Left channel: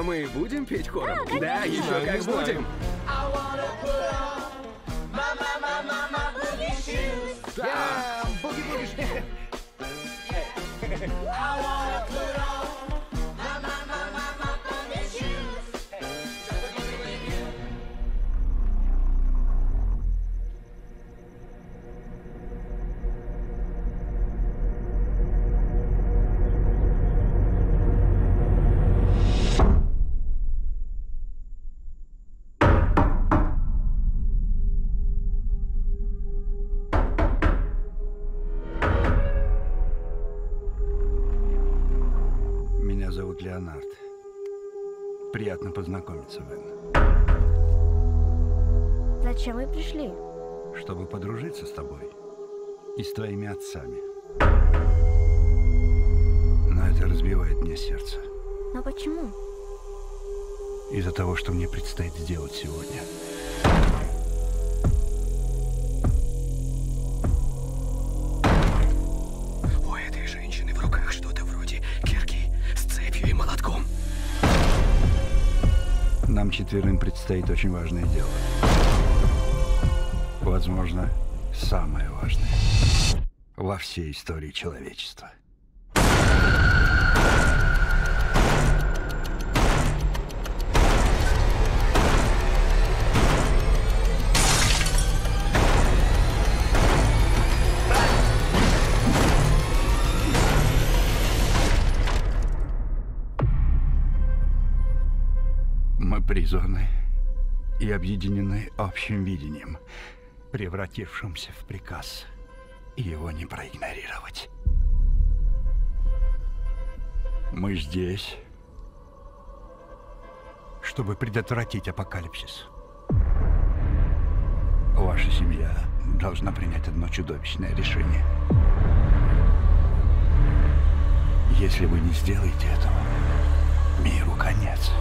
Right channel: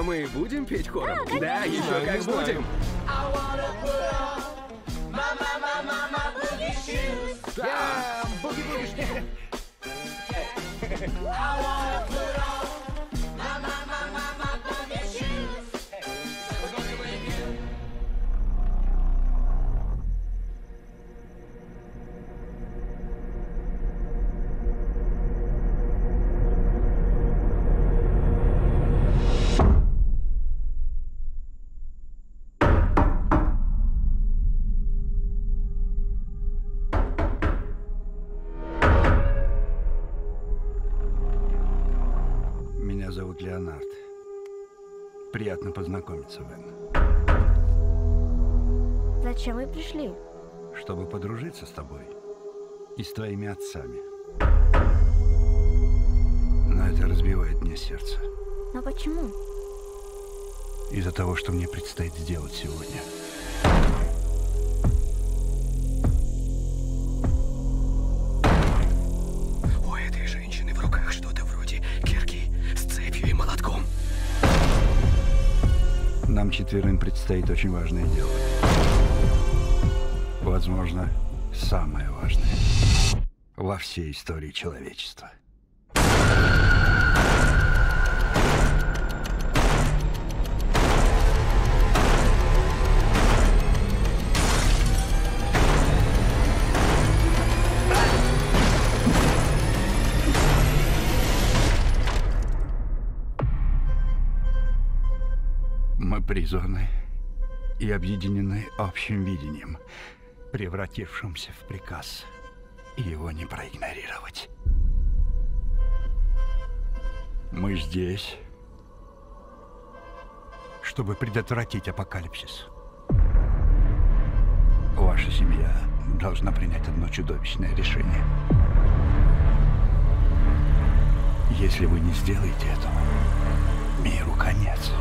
А мы будем петь хором? Да, еще Да, как не знаю. будем. Да, буги-буги. Меня зовут Леонард. Приятно познакомиться, Вен. Зачем вы пришли? Чтобы подружиться с тобой и с твоими отцами. Но это разбивает мне сердце. Но почему? Из-за того, что мне предстоит сделать сегодня. У этой женщины в руках что-то вроде кирки с цепью и молотком. Нам четверым предстоит очень важное дело. Возможно, самое важное во всей истории человечества. Мы призваны и объединены общим видением, превратившимся в приказ, и его не проигнорировать. Мы здесь, чтобы предотвратить апокалипсис. Ваша семья должна принять одно чудовищное решение. Если вы не сделаете этого, миру конец.